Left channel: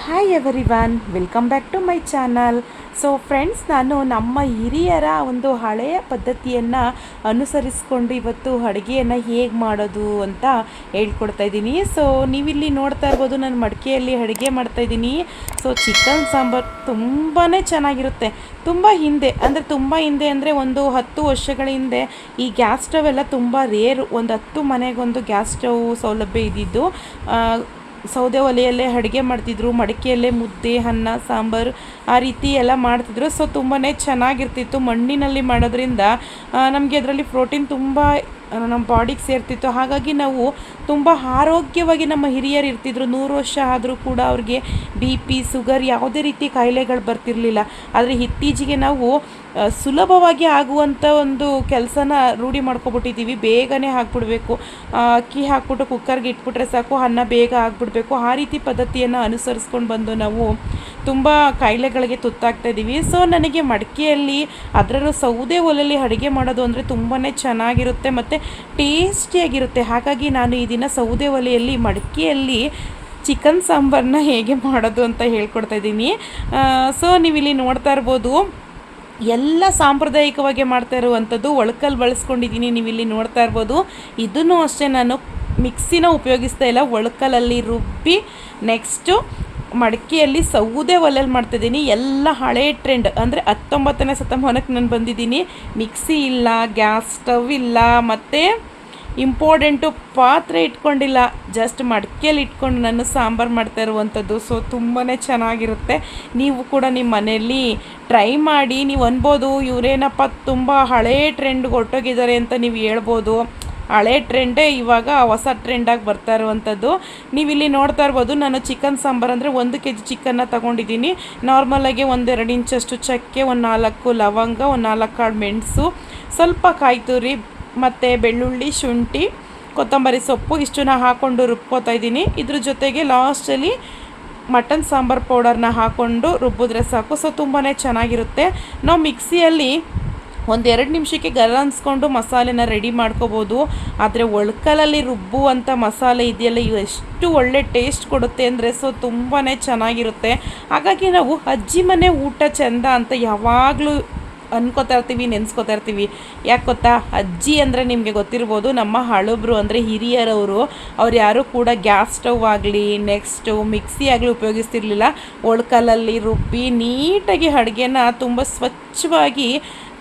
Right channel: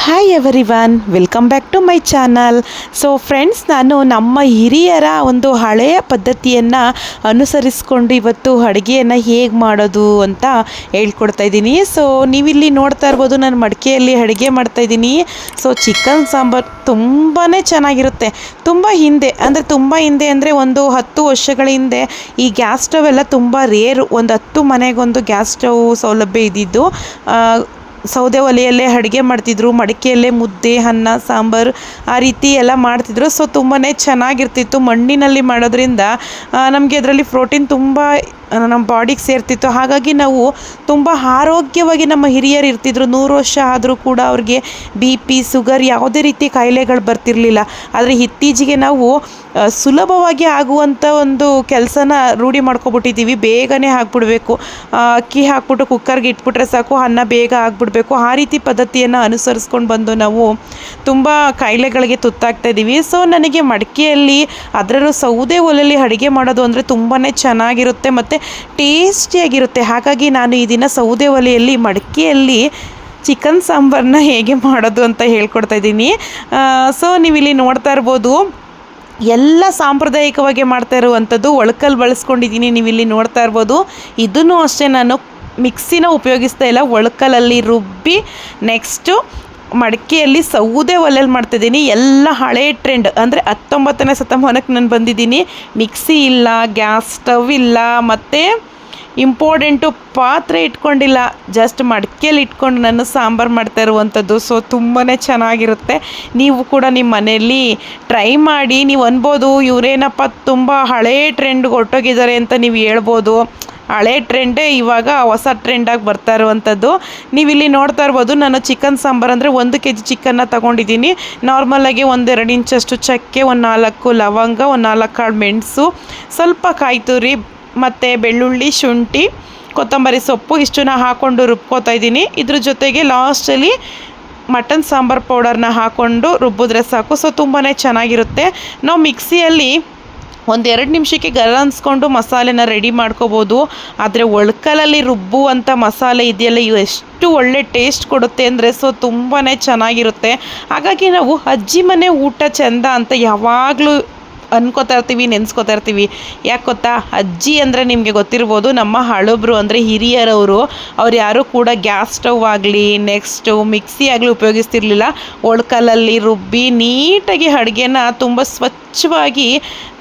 Hi everyone, welcome back to my channel. So friends, ನಾನು ನಮ್ಮ ಹಿರಿಯರ ಒಂದು ಹಳೆಯ ಪದ್ಧತಿಯನ್ನು ಅನುಸರಿಸ್ಕೊಂಡು ಇವತ್ತು ಅಡುಗೆಯನ್ನು ಹೇಗೆ ಮಾಡೋದು ಅಂತ ಹೇಳ್ಕೊಡ್ತಾ ಇದ್ದೀನಿ. ಸೊ ನೀವಿಲ್ಲಿ ನೋಡ್ತಾ ಇರ್ಬೋದು, ನಾನು ಮಡಿಕೆಯಲ್ಲಿ ಅಡುಗೆ ಮಾಡ್ತಾಯಿದ್ದೀನಿ. ಸೊ ಚಿಕನ್ ಸಾಂಬಾರು ತುಂಬಾ ಚೆನ್ನಾಗಿರುತ್ತೆ. ತುಂಬ ಹಿಂದೆ ಅಂದರೆ ಒಂದು 10 ವರ್ಷಗಳ ಹಿಂದೆ ಈ ಗ್ಯಾಸ್ ಸ್ಟವ್ ಎಲ್ಲ ತುಂಬ ರೇರು. ಒಂದು 10 ಮನೆಗೊಂದು ಗ್ಯಾಸ್ ಸ್ಟವ್ ಸೌಲಭ್ಯ ಇದ್ದಿದ್ದು. ಸೌದೆ ಒಲೆಯಲ್ಲೇ ಅಡುಗೆ ಮಾಡ್ತಿದ್ರು, ಮಡಿಕೆಯಲ್ಲೇ ಮುದ್ದೆ, ಅನ್ನ, ಸಾಂಬಾರು ಆ ರೀತಿ ಎಲ್ಲ ಮಾಡ್ತಿದ್ರು. ಸೊ ತುಂಬಾ ಚೆನ್ನಾಗಿರ್ತಿತ್ತು. ಮಣ್ಣಿನಲ್ಲಿ ಮಾಡೋದ್ರಿಂದ ನಮಗೆ ಅದರಲ್ಲಿ ಪ್ರೋಟೀನ್ ತುಂಬ ನಮ್ಮ ಬಾಡಿಗೆ ಸೇರ್ತಿತ್ತು. ಹಾಗಾಗಿ ನಾವು ತುಂಬ ಆರೋಗ್ಯವಾಗಿ ನಮ್ಮ ಹಿರಿಯರು ಇರ್ತಿದ್ರು. 100 ವರ್ಷ ಆದರೂ ಕೂಡ ಅವ್ರಿಗೆ BP, ಶುಗರ್ ಯಾವುದೇ ರೀತಿ ಕಾಯಿಲೆಗಳು ಬರ್ತಿರಲಿಲ್ಲ. ಆದರೆ ಇತ್ತೀಚೆಗೆ ನಾವು ಸುಲಭವಾಗಿ ಆಗುವಂಥ ಒಂದು ಕೆಲಸನ ರೂಢಿ ಮಾಡ್ಕೊಬಿಟ್ಟಿದ್ದೀವಿ. ಬೇಗನೆ ಹಾಕ್ಬಿಡ್ಬೇಕು, ಅಕ್ಕಿ ಹಾಕ್ಬಿಟ್ಟು ಕುಕ್ಕರ್ಗೆ ಇಟ್ಬಿಟ್ರೆ ಸಾಕು, ಅನ್ನ ಬೇಗ ಆಗಿಬಿಡ್ಬೇಕು. ಆ ರೀತಿ ಪದ್ಧತಿಯನ್ನು ಅನುಸರಿಸ್ಕೊಂಡು ಬಂದು ನಾವು ತುಂಬ ಕಾಯಿಲೆಗಳಿಗೆ ತುತ್ತಾಗ್ತಾ ಇದ್ದೀವಿ. ಸೊ ನನಗೆ ಮಡಿಕೆಯಲ್ಲಿ, ಅದರಲ್ಲೂ ಸೌದೆ ಒಲೆಯಲ್ಲಿ ಅಡುಗೆ ಮಾಡೋದು ಅಂದರೆ ತುಂಬಾ ಚೆನ್ನಾಗಿರುತ್ತೆ ಮತ್ತು ಟೇಸ್ಟಿಯಾಗಿರುತ್ತೆ. ಹಾಗಾಗಿ ನಾನು ಈ ದಿನ ಸೌದೆ ಒಲೆಯಲ್ಲಿ ಮಡಿಕೆಯಲ್ಲಿ ಚಿಕನ್ ಸಾಂಬಾರನ್ನ ಹೇಗೆ ಮಾಡೋದು ಅಂತ ಹೇಳ್ಕೊಡ್ತಾ ಇದ್ದೀನಿ. ಸೊ ನೀವಿಲ್ಲಿ ನೋಡ್ತಾ ಇರ್ಬೋದು, ಎಲ್ಲ ಸಾಂಪ್ರದಾಯಿಕವಾಗಿ ಮಾಡ್ತಾ ಇರುವಂಥದ್ದು ಒಳಕಲ್ಲಿ ಬಳಸ್ಕೊಂಡಿದ್ದೀನಿ. ನೀವಿಲ್ಲಿ ನೋಡ್ತಾ ಇರ್ಬೋದು. ಇದನ್ನು ಅಷ್ಟೇ, ನಾನು ಮಿಕ್ಸಿನ ಉಪಯೋಗಿಸ್ತಾ ಇಲ್ಲ, ಒಳಕಲ್ಲಲ್ಲಿ ರುಬ್ಬಿ ನೆಕ್ಸ್ಟು ಮಡಿಕೆಯಲ್ಲಿ ಸೌದೆ ಒಲೆಯಲ್ಲಿ ಮಾಡ್ತಿದ್ದೀನಿ. ಎಲ್ಲ ಹಳೆ ಟ್ರೆಂಡ್ ಅಂದರೆ 19ನೇ ಶತಮಾನಕ್ಕೆ ನಾನು ಬಂದಿದ್ದೀನಿ. ಮಿಕ್ಸಿ ಇಲ್ಲ, ಗ್ಯಾಸ್ ಸ್ಟವ್ ಇಲ್ಲ, ಮತ್ತು ಇಂಪಾರ್ಟೆಂಟು ಪಾತ್ರೆ ಇಟ್ಕೊಂಡಿಲ್ಲ. ಜಸ್ಟ್ ಮಡಿಕೆಯಲ್ಲಿ ಇಟ್ಕೊಂಡು ನಾನು ಸಾಂಬಾರು ಮಾಡ್ತಾ ಇರುವಂಥದ್ದು. ಸೊ ತುಂಬಾ ಚೆನ್ನಾಗಿರುತ್ತೆ. ನೀವು ಕೂಡ ನಿಮ್ಮ ಮನೆಯಲ್ಲಿ ಟ್ರೈ ಮಾಡಿ. ನೀವು ಅನ್ಬೋದು, ಇವರೇನಪ್ಪ ತುಂಬ ಹಳೇ ಟ್ರೆಂಡ್ಗೆ ಹೊರಟೋಗಿದ್ದಾರೆ ಅಂತ ನೀವು ಹೇಳ್ಬೋದು. ಹಳೆ ಟ್ರೆಂಡೇ ಇವಾಗ ಹೊಸ ಟ್ರೆಂಡಾಗಿ ಬರ್ತಾ ಇರುವಂಥದ್ದು. ನೀವಿಲ್ಲಿ ನೋಡ್ತಾ ಇರ್ಬೋದು, ನಾನು ಚಿಕನ್ ಸಾಂಬಾರು ಅಂದರೆ 1 kg ಚಿಕನ್ನ ತೊಗೊಂಡಿದ್ದೀನಿ. ನಾರ್ಮಲಾಗಿ 1-2 ಇಂಚಷ್ಟು ಚಕ್ಕೆ, 4 ಲವಂಗ, 4 ಕಾಳು ಮೆಣಸು, ಸ್ವಲ್ಪ ಕಾಯಿ ತುರಿ ಮತ್ತು ಬೆಳ್ಳುಳ್ಳಿ, ಶುಂಠಿ, ಕೊತ್ತಂಬರಿ ಸೊಪ್ಪು ಇಷ್ಟನ್ನ ಹಾಕ್ಕೊಂಡು ರುಬ್ಕೋತಾ ಇದ್ದೀನಿ. ಇದ್ರ ಜೊತೆಗೆ ಲಾಸ್ಟಲ್ಲಿ ಮಟನ್ ಸಾಂಬಾರು ಪೌಡರ್ನ ಹಾಕ್ಕೊಂಡು ರುಬ್ಬಿದ್ರೆ ಸಾಕು. ಸೊ ತುಂಬಾ ಚೆನ್ನಾಗಿರುತ್ತೆ. ನಾವು ಮಿಕ್ಸಿಯಲ್ಲಿ 1-2 ನಿಮಿಷಕ್ಕೆ ಗರ ಅನ್ಸ್ಕೊಂಡು ಮಸಾಲೆನ ರೆಡಿ ಮಾಡ್ಕೋಬೋದು. ಆದರೆ ಒಳ್ಕಲಲ್ಲಿ ರುಬ್ಬುವಂಥ ಮಸಾಲೆ ಇದೆಯಲ್ಲ, ಇವು ಎಷ್ಟು ಒಳ್ಳೆ ಟೇಸ್ಟ್ ಕೊಡುತ್ತೆ ಅಂದರೆ ಸೊ ತುಂಬಾ ಚೆನ್ನಾಗಿರುತ್ತೆ. ಹಾಗಾಗಿ ನಾವು ಅಜ್ಜಿ ಮನೆ ಊಟ ಚೆಂದ ಅಂತ ಯಾವಾಗಲೂ ಅನ್ಕೋತಾ ಇರ್ತೀವಿ, ನೆನೆಸ್ಕೋತಾ ಇರ್ತೀವಿ. ಯಾಕೆ ಗೊತ್ತಾ, ಅಜ್ಜಿ ಅಂದರೆ ನಿಮಗೆ ಗೊತ್ತಿರ್ಬೋದು, ನಮ್ಮ ಹಳಬ್ರು ಅಂದರೆ ಹಿರಿಯರವರು. ಅವ್ರು ಯಾರೂ ಕೂಡ ಗ್ಯಾಸ್ ಸ್ಟವ್ ಆಗಲಿ, ನೆಕ್ಸ್ಟು ಮಿಕ್ಸಿ ಆಗಲಿ ಉಪಯೋಗಿಸ್ತಿರ್ಲಿಲ್ಲ. ಒಳ್ಕಲಲ್ಲಿ ರುಬ್ಬಿ ನೀಟಾಗಿ ಅಡುಗೆನ ತುಂಬ ಸ್ವಚ್ಛವಾಗಿ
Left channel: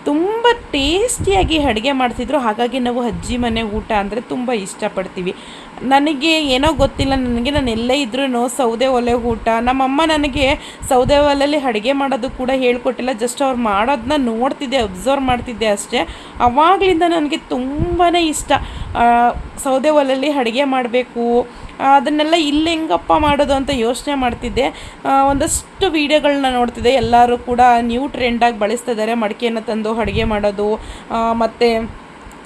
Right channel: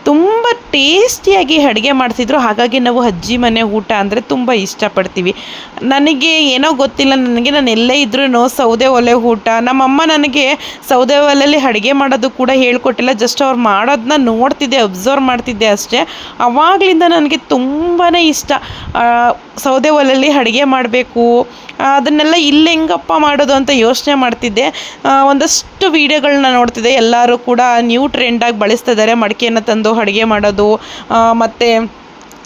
ತುಂಬ ಟೇಸ್ಟಿಯಾಗಿ ಅಡುಗೆ ಮಾಡ್ತಿದ್ರು. ಹಾಗಾಗಿ ನಾವು ಅಜ್ಜಿ ಮನೆ ಊಟ ಅಂದರೆ ತುಂಬ ಇಷ್ಟಪಡ್ತೀವಿ. ನನಗೆ ಏನೋ ಗೊತ್ತಿಲ್ಲ, ನಾನು ಎಲ್ಲೇ ಇದ್ರೂ ಸೌದೆ ಒಲೆ ಊಟ. ನಮ್ಮಮ್ಮ ನನಗೆ ಸೌದೆ ಒಲೆಯಲ್ಲಿ ಅಡುಗೆ ಮಾಡೋದು ಕೂಡ ಹೇಳ್ಕೊಟ್ಟಿಲ್ಲ. ಜಸ್ಟ್ ಅವ್ರು ಮಾಡೋದನ್ನ ನೋಡ್ತಿದ್ದೆ, ಅಬ್ಸರ್ವ್ ಮಾಡ್ತಿದ್ದೆ ಅಷ್ಟೇ. ಆವಾಗಲಿಂದ ನನಗೆ ತುಂಬಾ ಇಷ್ಟ ಸೌದೆ ಒಲೆಯಲ್ಲಿ ಅಡುಗೆ ಮಾಡಬೇಕು. ಅದನ್ನೆಲ್ಲ ಇಲ್ಲಿ ಹೆಂಗಪ್ಪ ಮಾಡೋದು ಅಂತ ಯೋಚನೆ ಮಾಡ್ತಿದ್ದೆ. ಒಂದಷ್ಟು ವೀಡಿಯೋಗಳನ್ನ ನೋಡ್ತಿದ್ದೆ. ಎಲ್ಲರೂ ಕೂಡ ನ್ಯೂ ಟ್ರೆಂಡಾಗಿ ಬಳಸ್ತಾ ಇದ್ದಾರೆ ಮಡಿಕೆಯನ್ನು ತಂದು ಅಡುಗೆ ಮಾಡೋದು. ಮತ್ತು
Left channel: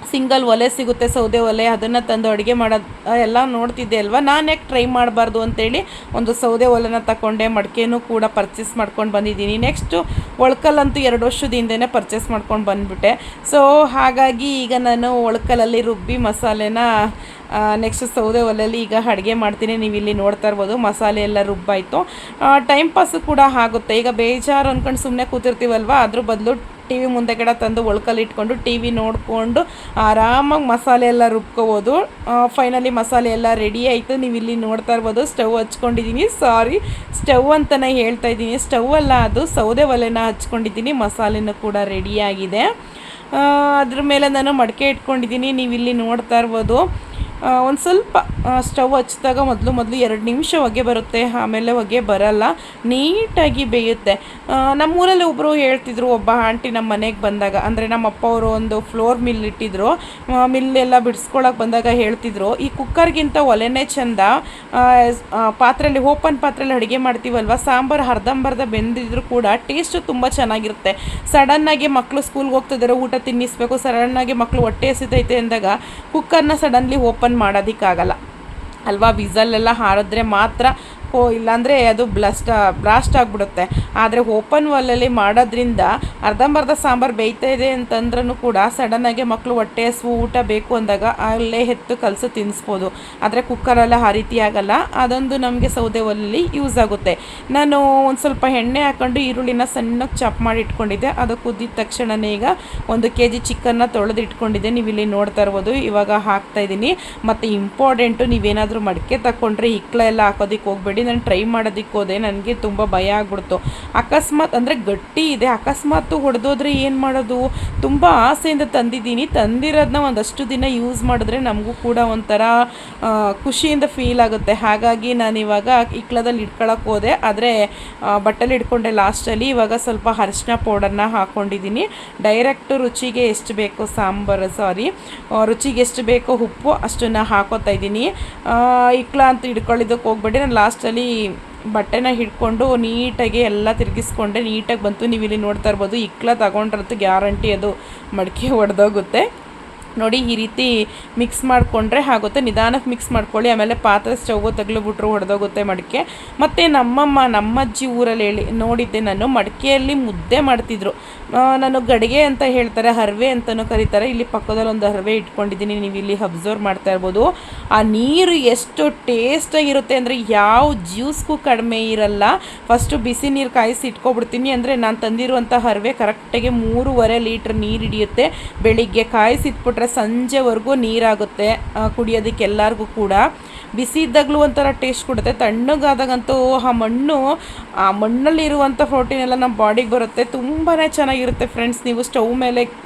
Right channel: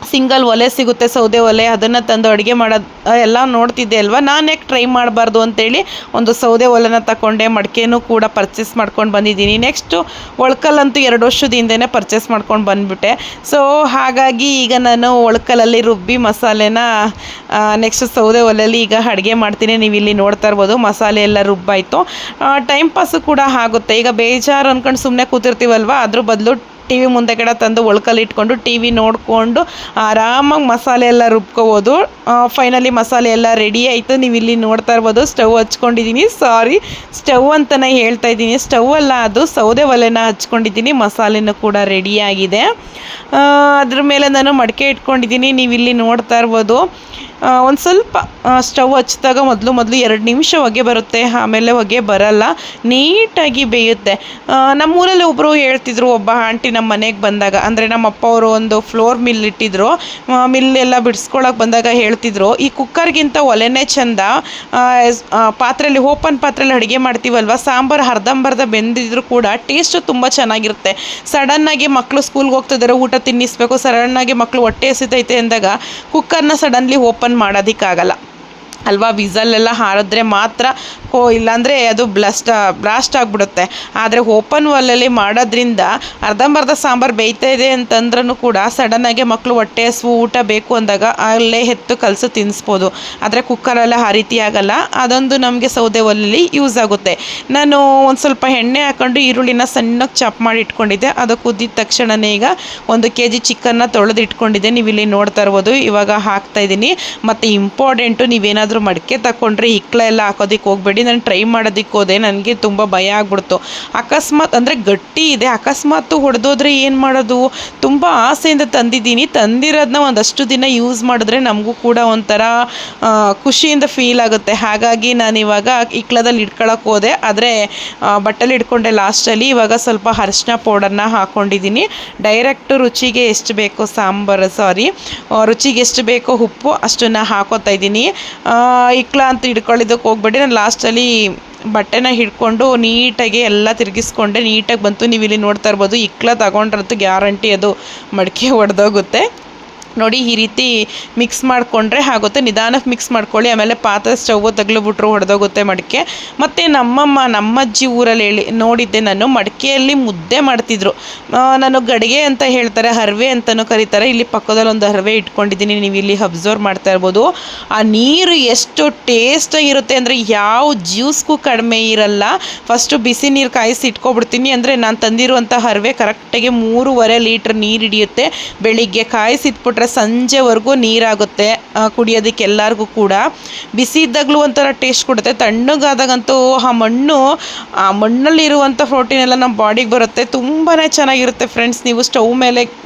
ಸಿಂಗಲ್ ಒಲೆ ಸಿಗುತ್ತೆ, ಸೌದೆ ಒಲೆ, ಅದನ್ನು ತಂದು ಅಡುಗೆ ಮಾಡೋದು ಎಲ್ಲ ನೋಡ್ತಿದ್ದೆ ಅಲ್ವಾ. ನಾನು ಯಾಕೆ ಟ್ರೈ ಮಾಡಬಾರ್ದು ಅಂತೇಳಿ ಒಂದು ಸೌದೆ ಒಲೆನ ತಗೊಂಡೆ. ಮಡಿಕೆನೂ ಕೂಡ ಪರ್ಚೇಸ್ ಮಾಡ್ಕೊಂಡು ಬಂದಿದ್ದೀನಿ. ನೆಕ್ಸ್ಟು ಒಳ್ಕಲ್ಲಂತೂ 2 ವರ್ಷದ ಹಿಂದೆನೇ ಪರ್ಚೇಸ್ ಮಾಡ್ಕೊಂಡು ಬಂದುಬಿಟ್ಟೆ. ಸೊ ಹಾಗಾಗಿ ಈಗ ನಾನು ಒಳ್ಕಲಲ್ಲಿ ರುಬ್ಬಿ ಮಸಾಲೆನ ನೆಕ್ಸ್ಟ್ ಸೌದೆ ಒಲೆಯಲ್ಲಿ ಈಗ ಅಡುಗೆ ಮಾಡ್ತೀನಿ. ನೀವು ಇಲ್ಲಿ ನೋಡ್ತಾ ಇರ್ಬೋದು, ಮಸಾಲೆ ಎಲ್ಲ ರುಬ್ಬಾಯಿತು. ಟೈಮ್ ಪಾಸು ಕೂಡ ಆಗುತ್ತೆ. ಈಗ ಬೇಜಾರು ಅಂದ್ಕೊಂಡು ಸುಮ್ಮನೆ ಕೂತಿರ್ತೀವಲ್ವ, ಅದ್ರ ಬದಲು TV ಮುಂದೆಗಡೆ ತಂದು ಒಳ್ಕಲ್ಲಿ ಇಟ್ಕೊಂಡು TV ನೋಡಿಕೊಂಡು ಆರಾಮಾಗಿ ಮಸಾಲೆ ಎಲ್ಲ ರುಬ್ಕೋಬೋದು. ಫೈನಲಿ ಮಸಾಲೆ ಎಲ್ಲ ರೆಡಿ ಆಯಿತು. ನೀವು ಇಲ್ಲಿ ನೋಡ್ತಾ ಇರ್ಬೋದು, ಸ್ಟವ್ ಹಚ್ಕೊಂಡಿದ್ದೀನಿ. ಸಾರಿ, ಸ್ಟವ್ ಅಂತಲೇ ಹೇಳ್ತಾ ಇದ್ದೀನಿ, ಸ್ಟವ್ ಅಲ್ಲ ಅದು, ಸೌದೆ ಒಲೆನ ಹಚ್ಕೊಂಡಿದ್ದೀನಿ. ಮಸಾಲೆನೂ ಕೂಡ ರೆಡಿಯಾಗಿದೆ. ಅದ್ರ ಮೇಲೆ ನಾನು ಮಡಿಕೆ ಇಟ್ಕೊಂಡಿದ್ದೀನಿ. ನೀವು ಇಲ್ಲಿ ನೋಡ್ತಾ ಇರ್ಬೋದು. ಒಂದು ಸ್ವಲ್ಪ ಸ್ಟವ್ ಹಚ್ಚಿದಾಗ ಮೊದಲು 2 ನಿಮಿಷ ಹೊಗೆ ಬರುತ್ತೆ, ಆಮೇಲೆ ಹೊಗೆ ಬರಲ್ಲ, ನೀಟಾಗಿ ಬೇಯುತ್ತೆ. ನಮ್ಮೂರಲ್ಲಿ ಒಬ್ಬರು ಹೇಳ್ತಿದ್ರು, ಒಬ್ಬ ಆಂಟಿ ನಮ್ಮ ಮನೆಗೆ ಬಂದಾಗ, ಅಂದರೆ ನಮ್ಮ ಅಪ್ಪ ಅವರು ಒಂದು ಫ್ಲೋರ್ ಮಿಲ್ ಇಟ್ಟಿದ್ರು. ಮಿಲ್ಲೆಲ್ಲ ಬಿಡಿಸ್ಕೊಳಕ್ಕೆ ಬಂದಾಗ ಹೇಳ್ತಿದ್ರು, ಈ ಕುಕ್ಕರ್ಗಿಂತ ಒಲೆನೇ ಚೆಂದ. ಪಾತ್ರೆಯಲ್ಲಿ, ಓಪನ್ ಪಾತ್ರೆಯಲ್ಲಿ ಅಡುಗೆ ಮಾಡ್ತೀವಲ್ವ, ಸಾಂಬಾರು ಅರ್ಧಂಬರ್ಧ ಬೆಂದಿದ್ರು ಕೂಡ ಟೇಸ್ಟು ತುಂಬ ಚೆನ್ನಾಗಿರುತ್ತೆ. ಸಡನ್ನಾಗಿ ಮಕ್ಕಳು ಸ್ಕೂಲ್ಗೆ ಹೋಗ್ತಿದ್ದಾರೆ, ಊಟ ತಿನ್ನಿಸ್ಬೇಕು, ಸಡನ್ನಾಗಿ ಮಕ್ಕಳು ಹೊಟ್ಟೆ ಹಸಿತೈತೆ ಅಂದಾಗ ಕುಕ್ಕರ್ನ ಸಡನ್ಲಿ ಓಪನ್ ಮಾಡೋದಕ್ಕಾಗಲ್ಲ. ಅಲ್ವಾ. ವಿಸಲೆಲ್ಲ ಹಾರಿದ್ರೆ ಮಾತ್ರ ಇಲ್ಲಾಂದರೆ ಅದು ಬ್ಲಾಸ್ಟ್ ಆಗಿಬಿಡುತ್ತೆ. ಆದರೆ ಓಪನ್ ವಾಲಲ್ಲಿ ಮಾಡೋದ್ರಿಂದ ಅರ್ಧಂಬರ್ಧ ಸಾಂಬಾರು ಬೇಯ್ತಾ ಇದೆ ಅಂತಂದ್ರೂ ಕೂಡ ಸಡನ್ನಾಗಿ ಮಕ್ಕಳು ಹೊಟ್ಟೆ ಹಸಿವು ಊಟ ಬೇಕು ಅಂದಾಗ ಅಲ್ಲೇ ಎತ್ತು ಕಲಸು ತಿನ್ನಿಸ್ಬೋದು. ಆದರೆ ಕುಕ್ಕರೆಲ್ಲ ಆ ರೀತಿ ಆಗಲ್ಲ. ಅದೊಂದು ನಮಗೆ ಸೌದೆ ಒಲೆಯಲ್ಲಿ ಯೂಸ್ ಆಗುತ್ತೆ. ನಾನು ಒಂದು ಸ್ವಲ್ಪ ಎಣ್ಣೆ ಹಾಕ್ಕೊಂಡು ಈರುಳ್ಳಿನ ಸಣ್ಣಗೆ ಚಾಪ್ ಮಾಡಿ ಇಟ್ಕೊಂಡಿದ್ದೆ. ಅದು ಕುದ್ದಿದ ತಕ್ಷಣವೇ ಈಗ 1 kg ಚಿಕನ್ನ ತೊಳೆದು ಇಟ್ಕೊಂಡಿದ್ದೆ. ನೀವು ಇಲ್ಲಿ ನೋಡ್ತಾ ಇರ್ಬೋದು. ಇವಾಗ ಹಾಕ್ತಾಯಿದ್ದೀನಿ. ಮತ್ತು ಇಂಪಾರ್ಟೆಂಟು, ನೀವೇನಾದರೂ ಮಡಿಕೆ ತಗೊಂಡ್ರೆ ಇಕ್ಲ ಎಲ್ಲ ಹಾಕೋದಕ್ಕೆ ಹೋಗಬೇಡಿ. ನಾನು ಟ್ರೈ ಮಾಡೋದಕ್ಕೆ ಹೋದೆ, ನನಗೆ ತುಂಬ ಭಯ ಆಗ್ಬಿಡ್ತು. ಅಕಸ್ಮಾತ್ ಅಂದರೆ ಗಟ್ಟಿ ಇದೆ, ಅಕಸ್ಮಾತು ಹೊಡೆದೋದ್ರೆ ಏನು ಮಾಡೋದು? ತುಂಬ ಆಸೆಯಿಂದ ತಂದಿರೋದನ್ನ ಒಂದಷ್ಟು ದಿನ ಯೂಸ್ ಮಾಡಿದ್ರೆ ನಮಗೂ ಕೂಡ ಒಂಥರ ಖುಷಿಯಿಂದ ಫೀಲ್ ಆಗುತ್ತೆ. ಹಾಗಾಗಿ ನಾನಿವಾಗ ಇಕ್ಲದಲ್ಲಿ ಇಟ್ಕೊಳ್ಳೋಕೆ ಹೋದೆ. ಆದರೆ ಬಟ್ಟೆಲಿ ಇಟ್ಕೊಂಡೆ ಲಾಸ್ಟಲ್ಲಿ. ಇವಾಗ ಸ್ವಲ್ಪ ಅರಿಶಿನ ಪೌಡರ್ನ ಹಾಕ್ಕೊಂಡಿದ್ದೀನಿ. ಡೈರೆಕ್ಟು ರುಚಿಗೆ ಎಷ್ಟು ಬೇಕೋ ರುಚಿಗೆ ಎಷ್ಟು ಬೇಕೋ ಉಪ್ಪು ಅಷ್ಟನ್ನು ಹಾಕೋತಾ ಇದ್ದೀನಿ. ಇಕ್ಲ ಅಂತ ಹಿಡ್ಕೊಳ್ಳೋದಕ್ಕೆ ಹೋಗ್ಬೇಡಿ. ನಾನು ಲಾಸ್ಟಲ್ಲಿ ಬಟ್ಟೆನ ಹಿಡ್ಕೊಂಡು ನೀಟಾಗಿ ಎಲ್ಲ ತಿರುಗಿಸ್ಕೊಂಡೆ. ನೀಟಾಗಿ ಬಂತು. ನೀವು ಇಲ್ಲಿ ನೋಡ್ತಾ ಇರ್ಬೋದು. ಇಕ್ಲ ತಗೊಂಡ್ರಂತೂ ಗ್ಯಾರಂಟಿ ಅದು ಮಡಿಕೆ ಒಡೆದೋಗುತ್ತೆ. ನೋಡಿ, ಈ ರೀತಿ ಮಿಕ್ಸ್ ಮಾಡಿಕೊಂಡ್ರೆ ಆಗುತ್ತೆ. ನಿಧಾನಕ್ಕೆ ಮಿಕ್ಸ್ ಮಾಡ್ಕೊಳ್ಳಿ. ಆಮೇಲೆ ಪಾತ್ರೆ ಸ್ಟವ್ ತಗ್ಲಿಬಿಟ್ರು ಹೊಡೆದೋಗುತ್ತೆ ಮಡಿಕೆ. ಮತ್ತು ನಮ್ಮ ಅಜ್ಜಿ ಊರಲ್ಲಿ ನೋಡಿದ್ದೆ ನಾನು, ಮಡಿಕೆಯಲ್ಲಿ ಮುದ್ದೆ ಮಾಡ್ತಿದ್ರು. ನಾನು ಗಡಿಗೆ ಅಂತ ಹೇಳ್ತಾರೆ, ಹರವೆ ಅಂತಲೂ ಕರೀತಾರೆ. ಇಲ್ಲಿ ಪಕ್ಕದಲ್ಲಿ ಒಂದು ಹರವೆ ಇಟ್ಕೊಂಡಿದ್ದೀನಿ, ನೀವು ಇಲ್ಲಿ ಅಬ್ಸರ್ವ್ ಮಾಡ್ತಾ ಇರ್ಬೋದು. ಆ ನೀರು ಎಷ್ಟು ಟೇಸ್ಟಾಗಿರುತ್ತೆ ಅಂದರೆ ಯಾವ ಜ್ಯೂಸ್ಗೂ ಕಡಿಮೆ ಇರಲ್ಲ. ಫಸ್ಟು ಬಿಸಿ ನೀರು ಕಾಯಿಸಿ ಇಟ್ಕೊಬಿಡ್ತೀನಿ. ಅಂದರೆ ನಾನು ತಂದಿರುವಂಥ ಹರವೆ ಕರೆಕ್ಟಾಗಿ 3.5 ಲೀಟ್ರ್ ನೀರು ಹಿಡಿಯುತ್ತೆ. ಬೆಳಿಗ್ಗೆ ಕಾಯಿಸಿಟ್ಬಿಟ್ರೆ ಸಂಜೆವರೆಗೂ ನೀರಾಗುತ್ತೆ ಕುಡಿಯೋದಕ್ಕೆ ಎಲ್ಲರಿಗೂ ಕೂಡ. ಬಿಸಿ ಇದ್ದಾಗಲೂ ಒಂಥರ ಟೇಸ್ಟ್ ಕೊಡುತ್ತೆ. ತಣ್ಣಗಾದಾಗಂತೂ ಆ ಮಣ್ಣಲ್ಲಿರುವಂಥ ಪ್ರೋಟೀನ್ ಎಲ್ಲ ನಮ್ಮ ಬಾಡಿಗೆ ಬರುತ್ತೆ. ತುಂಬಾ ಚೆನ್ನಾಗಿರುತ್ತೆ ಫ್ರೆಂಡ್ಸ್. ನೀವು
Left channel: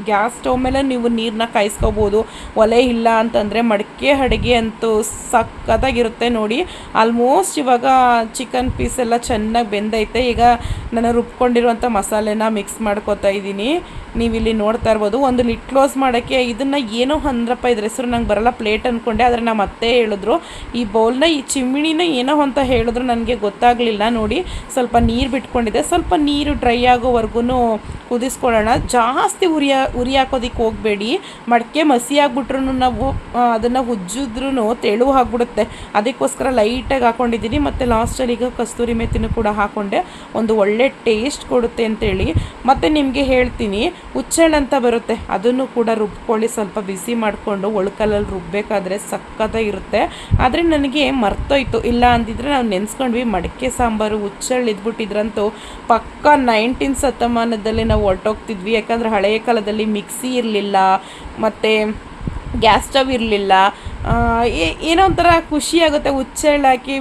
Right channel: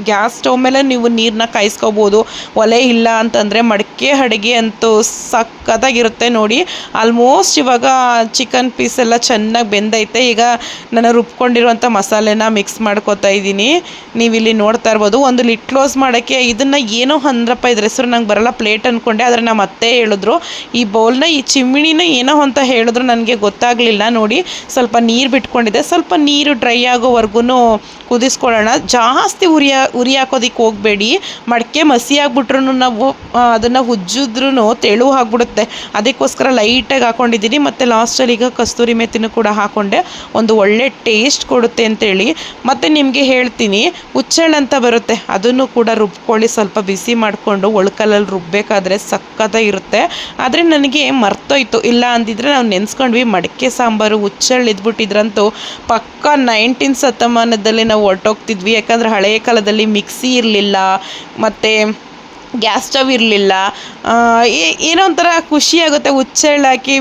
ಗ್ಯಾಸ್ ಸ್ಟವ್ ಮೇಲೆ ನೀವು ನೀರನ್ನ ಕಾಯಿಸ್ಕೋಬೋದು. ಒಲೆ ಇಲ್ಲ ಅಂತಂದರೆ ಮಡಿಕೆ ಅಡುಗೆ ಅಂತೂ ಸಕ್ಕತ್ತಾಗಿರುತ್ತೆ. ನೋಡಿ, ಆಲ್ಮೋಸ್ಟ್ ಇವಾಗ ಚಿಕನ್ ಪೀಸ್ ಎಲ್ಲ ಚೆನ್ನಾಗಿ ಬೆಂದೈತೆ. ಈಗ ನಾನು ರುಬ್ಕೊಂಡಿರುವಂಥ ಮಸಾಲೆನ ಮಿಕ್ಸ್ ಮಾಡ್ಕೋತಾ ಇದ್ದೀನಿ. ನೀವಿಲ್ಲಿ ನೋಡ್ತಾ ಇರ್ಬೋದು. ಒಂದು ಲಿಡ್ ಕ್ಲೋಸ್ ಮಾಡೋಕ್ಕೆ ಇದನ್ನು ಏನೋ ಅಂದ್ರಪ್ಪ, ಇದ್ರ ಹೆಸರು ನಂಗೆ ಬರಲ್ಲ, ಪ್ಲೇಟ್ ಅಂದ್ಕೊಂಡೆ. ಆದರೆ ನಮ್ಮ ಅತ್ತೆ ಹೇಳಿದ್ರು ಈ ಬೌಲ್ನ, ಈ ಚಿಮ್ಮಿಣಿನ ಏನೋ ಅಂತ ಹೇಳಿದ್ರು, ನನಗೆ ಗೊತ್ತಾಗಲಿಲ್ಲ. ನೋಡಿ, ಸ್ವಲ್ಪ ನೀರು ಬಿಟ್ಕೊಂಡಿದ್ದೆ. ಸ್ವಲ್ಪ ನೀರು ಡ್ರೈ ಆಗೋವರೆಗೂ ಕುದಿಸ್ಕೊಳ್ಳೋಣ. ಜಾಸ್ತಿ ಉರಿ ಹಾಕೋದಕ್ಕೆ ಹೋಗಬೇಡಿ. ಮಡಿಕೆ ಮಸಿ ಆಗಿಬಿಟ್ರು ನಾವು ಅದನ್ನು ಉಜ್ಜಿದ್ರೂ ತೆಳು ಆಗಿಬಿಡುತ್ತೆ. ಅದಕ್ಕೋಸ್ಕರ ಲೈಟಾಗಿ ಹಾಕ್ಕೊಂಡಿದ್ದೀನಿ. ಮತ್ತು ಲಾಸ್ಟಲ್ಲಿ ಈಗ ಕಸ್ತೂರಿ ಮೆಥಿನೂ ಕೂಡ ಹಾಕ್ಕೊಂಡೆ. ಒಂದು ಒಳ್ಳೆ ಟೇಸ್ಟ್ ಕೊಡುತ್ತೆ ಅಂತೇಳಿ. ಮತ್ತು ನಿಮಗೆ ಹೇಳ್ತೀನಿ, ಹುಚ್ಚೆಳ್ಳು ಅಂತ ಬರುತ್ತೆ, ಅದನ್ನು ಕೂಡ ರುಬ್ಕೊಳ್ಳಿ. ಸ್ವಲ್ಪ ಬಿಸಿ ಮಾಡಿಕೊಂಡು ಒಳ್ಕಲ್ಲಲ್ಲಿ ರುಬ್ಬಬೇಕಾದ್ರೆ ಸಕ್ಕತ್ತಾಗಿರುತ್ತೆ. ಆದರೆ ನನಗೆ ಮರ್ತೋಯ್ತು. ಇಲ್ಲ ಅಂದಿದ್ರೆ ನಾವು ನೆನೆಸ್ಕೊಂಡ್ವಿ. ಮಡಿಕೆ ಸಾಂಬಾರು ಹುಚ್ಚೆಳ್ಳು ಇದ್ಬಿಟ್ಟಿದ್ರಂತೂ ಪಕ್ಕ 19th ಶತಮಾನದಲ್ಲಿ ನಾವು ಹೊರಟೋಗ್ತಿದ್ವಿ. ಯಾಕಂದರೆ ಹಳೆಯ ಕಾಲದಲ್ಲಿ ಮಿಕ್ಸಿ ಇರಲಿಲ್ಲ, ಮತ್ತು ಗ್ಯಾಸ್ ಸ್ಟವ್ ಇರಲಿಲ್ಲ. ಏನೋ ಒಂಥರ ಖುಷಿಯಾಗುತ್ತೆ. ಹುಚ್ಚೆಳ್ಳು ಹಾಕಿ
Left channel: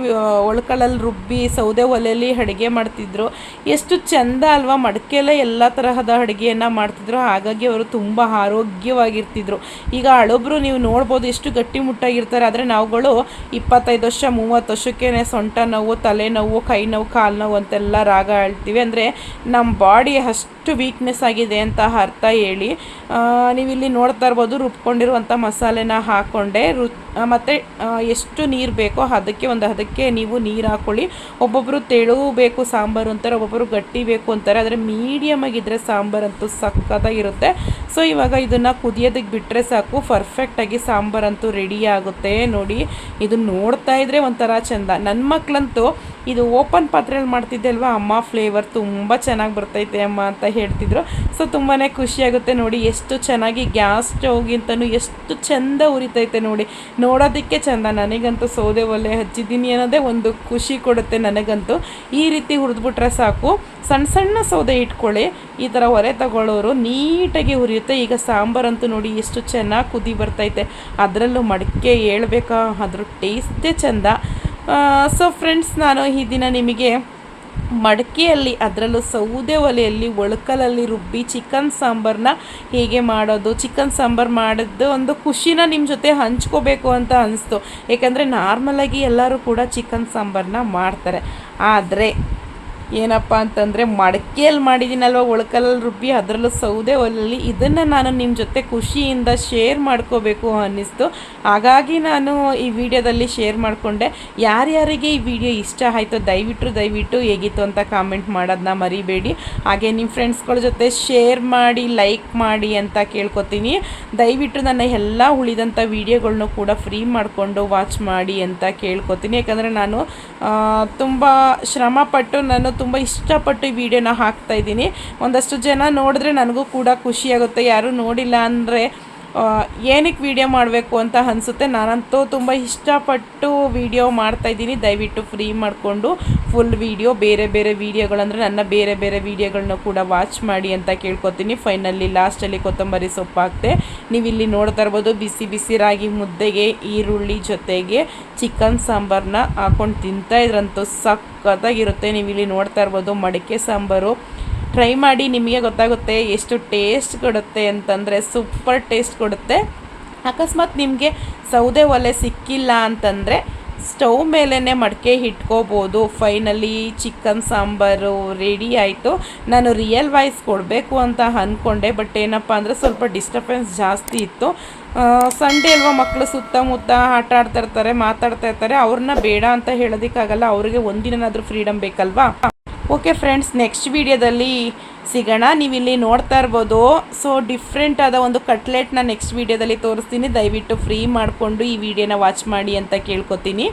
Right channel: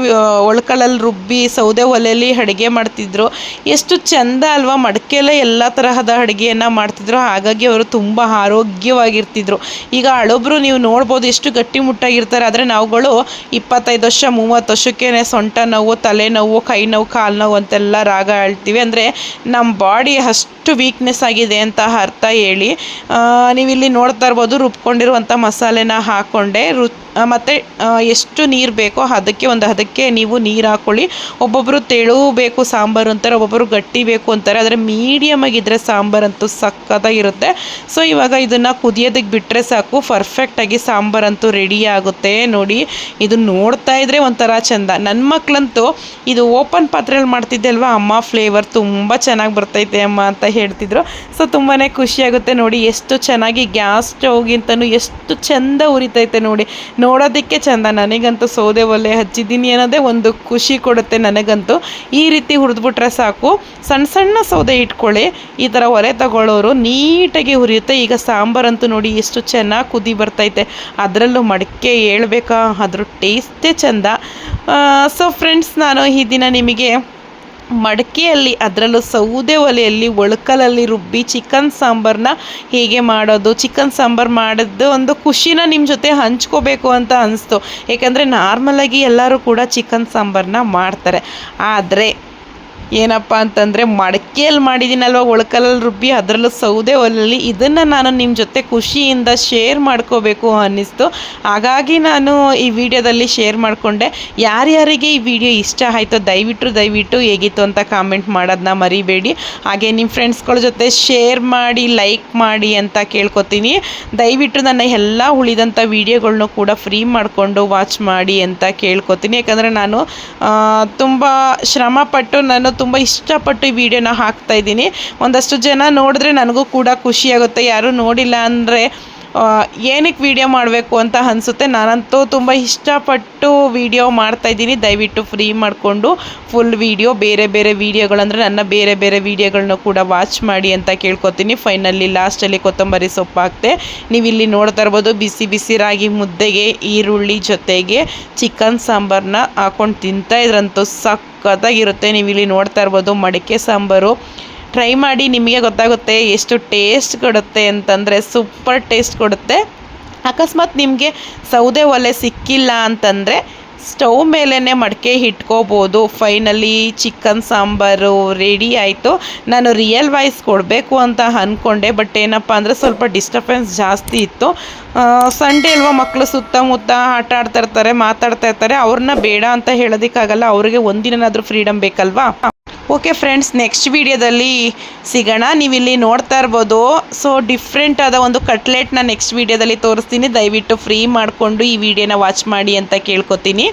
ಒಳ್ಕಲ್ಲಲ್ಲಿ ರುಬ್ಬಿ ಸೌದೆ ಒಲೆಯಲ್ಲಿ ಅಡುಗೆ ಮಾಡ್ತಿದ್ರು. ಎಷ್ಟು ಚೆಂದ ಅಲ್ವಾ. ಮಡಿಕೆಯಲ್ಲೇ ಎಲ್ಲ ತರಹದ ಅಡುಗೆಯನ್ನು ಮಾಡ್ತಿದ್ರು. ಹಾಗಾಗಿ ಅವರು ತುಂಬ ಆರೋಗ್ಯವಾಗಿರ್ತಿದ್ರು. ಈಗ ಹಳಬ್ರು ನೀವು ನೋಡ್ಬೋದು ಎಷ್ಟು ಗಟ್ಟಿಮುಟ್ಟಾಗಿರ್ತಾರೆ. ಆದರೆ ನಾವುಗಳು 25 ವರ್ಷ 30 ವರ್ಷಕ್ಕೆ ಸೊಂಟ ನೋವು, ತಲೆನೋವು, ಕೈ ನೋವು, ಕಾಲು ನೋವು ಅಂತೆಲ್ಲ ರಾಗ ಹೇಳ್ತೀವಿ. ಅಂದರೆ ನಮ್ಮ ಬಾಡಿ ಅಷ್ಟು ವೀಕ್ನೆಸ್ ಆಗಿದೆ ಅಂತ ಅರ್ಥ ಹೇಳಿ. ನೀವಿಲ್ಲಿ ನೋಡ್ತಾ ಇರ್ಬೋದು. ರುಬ್ಕೊಂಡಿರುವಂಥ ಮಸಾಲೆನ ಹಾಕ್ಕೊಂಡೆ. ಮತ್ತು ಎಷ್ಟು ನೀರು ಬೇಕೋ ಅದಕ್ಕೆ ನೀವು ನೀರು ಹಾಕ್ಕೊಳ್ಳಿ. ಒಬ್ಬೊಬ್ಬರು ತೆಳು ಬೇಕು ಸಾಂಬಾರು ಅಂತಾರೆ, ಒಬ್ಬೊಬ್ಬರು ಗಟ್ಟಿ ಬೇಕು ಅಂತಾರೆ. ಆದರೆ ಮೀಡಿಯಮ್ ಆಗಿದ್ದರೆ ಸಾಂಬಾರಂತೂ ಸಕ್ಕತ್ತಾಗಿರುತ್ತೆ. ಸೊ ಇವಾಗ ಇದನ್ನು ಕುದಿಯೋದಕ್ಕೆ ಬಿಟ್ಟರೆ ಸಾಕು, ಪರ್ಫೆಕ್ಟಾಗಿ ಸಾಂಬಾರಂತೂ ರೆಡಿ ಆಗುತ್ತೆ. ನೋಡಿ, ಇದು ನೋಡ್ತಾ ಇದ್ದರೆ ಒಂಥರ ಚೆಂದ. ನನ್ನ ಮಕ್ಕಳಂತೂ ಇದು ಓಪನ್ ಪಾತ್ರೆಯಲ್ಲಿ ಮಾಡ್ತಿದ್ದೆ ಅಲ್ವಾ, ಅಮ್ಮ ಫ್ಲೇವರ್ ತುಂಬ ಚೆನ್ನಾಗಿ ಬರ್ತೈತೆ ಅಮ್ಮ ಅಂತ ಹೇಳ್ತಿದ್ರು. ಸೊ ತುಂಬಾ ಖುಷಿಯಾಗುತ್ತೆ. ನೋಡಿ, ಎಷ್ಟು ಚೆನ್ನಾಗಿ ಗ್ಯಾಸ್ ಸ್ಟವ್ಗಿಂತನೂ ಎಷ್ಟು ಚೆಂದ ಉರಿತೈತೆ. ನೋಡೋದಕ್ಕೆ ಚೆಂದ. ನನಗಂತೂ ಸೌದೆ ಒಲೆ ಹಚ್ಚಿದ್ದೀನಿ ಅನ್ನೋದೇ ಒಂದು ಖುಷಿ ಕೊಡುತ್ತೆ ನನಗಂತೂ. ಈ ರೀತಿ ಹುರಿದ್ಬಿಟ್ರೆ ಸಾಕು. ಸಣ್ಣ ಸೌದೆ ಇಟ್ಕೊಳ್ಳಿ. ಈ ಥರ ಒಲೆ ತಗೊಳ್ಳೋರು ನೀಟಾಗಿ ಹುರಿಯುತ್ತೆ. ಈಗ ಸಾಂಬಾರಂತೂ ನೋಡಿ ಎಷ್ಟು ಚೆನ್ನಾಗಿ ಕುದಿ ಬರ್ತೈತೆ. ಅದರಲ್ಲೂ ಮಡಿಕೆ ಹೇಳ್ಬೇಕಾ, ಅದ್ರ ಟೇಸ್ಟೇ ಚೆಂದ. ಸೊ ಫ್ರೆಂಡ್ಸ್, ನಾನು ಈ ದಿನ ನಿಮಗೆ ಮಡಿಕೆಯಲ್ಲಿ, ಅದರಲ್ಲೂ ಸೌದೆ ಒಲೆಯಲ್ಲಿ ಒಳ್ಕಲಲ್ಲಿ ರುಬ್ಬಿ ಚಿಕನ್ ಸಾಂಬಾರನ್ನ ಹೇಗೆ ಮಾಡೋದು, ಚಿಕನ್ ಸಾಂಬಾರು ಮಾಡೋದು ಒಂದು ಖುಷಿನ ನಿಮ್ಮ ಜೊತೆ ಹಂಚ್ಕೋಬೇಕು ಅಂತ ಅನಿಸ್ತು. ಏಕೆಂದರೆ ನಾರ್ಮಲಾಗಿ ಎಲ್ಲರೂ ಕೂಡ ಚಿಕನ್ ಸಾಂಬಾರನ್ನ ಮಾಡ್ತಾರೆ. ಆದರೆ ಏನಪ್ಪ ಅಂತಂದರೆ ಮಡಕೆಯಲ್ಲಿ ಮಾಡಿದ್ದೀನಲ್ವ ಒಳಕಲ್ಲಲ್ಲಿ ರುಬ್ಬಿ, ಅದರಲ್ಲೂ ಸೌದೆ ಒಲೆಯಲ್ಲಿ. ಇದನ್ನು ನಾನು ನಿಮ್ಮ ಜೊತೆ ಖುಷಿಯಿಂದ ಶೇರ್ ಮಾಡ್ಕೋಬೇಕು ಅನ್ನಿಸ್ತು, ಹಾಗಾಗಿ ನಾನು ಈ ವಿಡಿಯೋದಲ್ಲಿ ಶೇರ್ ಮಾಡಿಕೊಂಡೆ. ಯಾರ್ಯಾರಿಗೆ ಈ ವಿಡಿಯೋ ಇಷ್ಟ ಆಯಿತು ದಯವಿಟ್ಟು ಹೇಗಿತ್ತು ಅಂತ ಕಾಮೆಂಟ್ ಮಾಡೋದನ್ನ ಮರಿಬೇಡಿ. ಹಾಗೆ ನಿಮ್ಮ ಫ್ರೆಂಡ್ಸ್ಗಳ ಜೊತೆ ಶೇರ್ ಮಾಡಿ, ಲೈಕ್ ಮಾಡಿ ಅಂತ ಕೇಳ್ಕೊತೀನಿ. ದಯವಿಟ್ಟು ನನ್ನ ಎಲ್ಲ ಉಳಿದಂಥ ವೀಡಿಯೋಗಳ್ನೂ ಕೂಡ ಫ್ರೀ ಮಾಡಿಕೊಂಡು ವಾಚ್ ಮಾಡಿ ಅಂತ ಕೇಳ್ಕೊತೀನಿ. ಯಾಕಂದರೆ ನಾನು ತುಂಬ ಶ್ರಮಪಟ್ಟು, ನಾನು ತುಂಬ ಇಷ್ಟಪಟ್ಟು ಈ ವಿಡಿಯೋನ ಹಾಕ್ತಾಯಿದ್ದೀನಿ. ಒಂದಷ್ಟು ಜನ ನೋಡಿದ್ರೆ ನನಗೂ ಕೂಡ ಖುಷಿಯಾಗುತ್ತೆ, ಯಾರೂ ನೋಡಿಲ್ಲ ಅಂದರೆ ಏನಕ್ಕೆ ವಿಡಿಯೋ ಮಾಡಬೇಕು ಅಂತ ಅನಿಸುತ್ತೆ. ನಾನಂತೂ ತುಂಬ ಇಷ್ಟಪಟ್ಟು ವಿಡಿಯೋ ಮಾಡ್ತಾಯಿದ್ದೀನಿ. ದಯವಿಟ್ಟು ಫ್ರೀ ಮಾಡಿಕೊಂಡು ಫುಲ್ ವಿಡಿಯೋ, ಬೇರೆ ವೀಡಿಯೋಗಳಂದರೆ ನನ್ನ ಬೇರೆ ವೀಡಿಯೋಗಳನ್ನ ಕೂಡ ವಾಚ್ ಮಾಡಿ ಅಂತ ಕೇಳ್ಕೊತೀನಿ. ಫೈನಲಿ ಲಾಸ್ಟಲ್ಲಿ ಕೊತ್ತಂಬರಿ ಸೊಪ್ಪು ಹಾಕ್ತೆ. ನೀವಿಲ್ಲಿ ನೋಡ್ತಾ ಇರ್ಬೋದು, ಬಿಸಿ ರಾಗಿ ಮುದ್ದೆಗೆ ಈರುಳ್ಳಿ ಜೊತೆಗೆ ಚಿಕನ್ ಸಾಂಬಾರನ್ನ ಹಾಕ್ಕೊಂಡು ತಿಂತಾಯಿದ್ರಂತೂ ಸಖತ್ತಾಗಿರುತ್ತೆ. ನೀವಿಲ್ಲಿ ನೋಡ್ತಾ ಇರ್ಬೋದು ಮಡಿಕೆ ಸಾಂಬಾರು. ಟ್ರೈ ಮಾಡಿ, ನಿಮಗೆ ಗೊತ್ತಾಗುತ್ತೆ ಎಷ್ಟು ಟೇಸ್ಟ್ ಕೊಡುತ್ತೆ ಅಂತಂದರೆ ಸೂಪರ್ ಟೇಸ್ಟ್ ಕೊಡುತ್ತೆ. ಅಕಸ್ಮಾತ್ ನಿಮಗೆ ಸೌದೆ ಒಲೆ ಸಿಕ್ಕಿಲ್ಲ ಅಂತಂದರೆ ಸ್ಟವ್ ಮೇಲೇ ಮಡಿಕೆ ಇಟ್ಕೋಬೋದು. ಫೈನಲಿ ಚಿಕನ್ ಸಾಂಬಾರು ರೆಡಿ ಆಯಿತು. ನಾನು ರಿಯಲ್ ವಾಯ್ಸ್ ಕೊಡಬೇಕು ಅಂತ ಅಂದ್ಕೊಂಡೆ, ಬಟ್ ಏನಪ್ಪ ಅಂದರೆ ಸ್ವಲ್ಪ ಡಿಸ್ಟರ್ಬೆನ್ಸ್ ಜಾಸ್ತಿ ಇತ್ತು. ಸಂಡೇ ಅಲ್ವಾ, ಮಕ್ಕಳು ಸುತ್ತಮುತ್ತ ಆಟ ಆಡ್ತಾ ಇರ್ತಾರೆ, ಮಾತಾಡ್ತಾ ಇರ್ತಾರೆ. ಅವ್ರನ್ನ ಬೇಡ ಅಂತ ಹೇಳೋದಕ್ಕಾಗಲ್ಲ, ಅವ್ರಿಗೆ ಒಂದಿನಾದರೂ ಫ್ರೀಡಮ್ ಬೇಕಲ್ವಾ. ಓಕೆ ಫ್ರೆಂಡ್ಸ್, ನೆಕ್ಸ್ಟ್ ವಿಡಿಯೋದಲ್ಲಿ ಸಿಗೋಣ. ನೀವಿಲ್ಲಿ ನೋಡ್ತಾ ಇರ್ಬೋದು, ಸೊ ಡಿಫ್ರೆಂಟ್ ಆದ ಒಂದು ಕಟ್ಲೆಟ್ನ ನೆಕ್ಸ್ಟ್ ವಿಡಿಯೋದಲ್ಲಿ ತೋರಿಸ್ತೀನಿ. ದಯವಿಟ್ಟು ಫ್ರೀ ಮಾಡಿಕೊಂಡು ಈ ವಿಡಿಯೋನ ವಾಚ್ ಮಾಡಿ ಅಂತ ಕೇಳ್ಕೊತೀನಿ.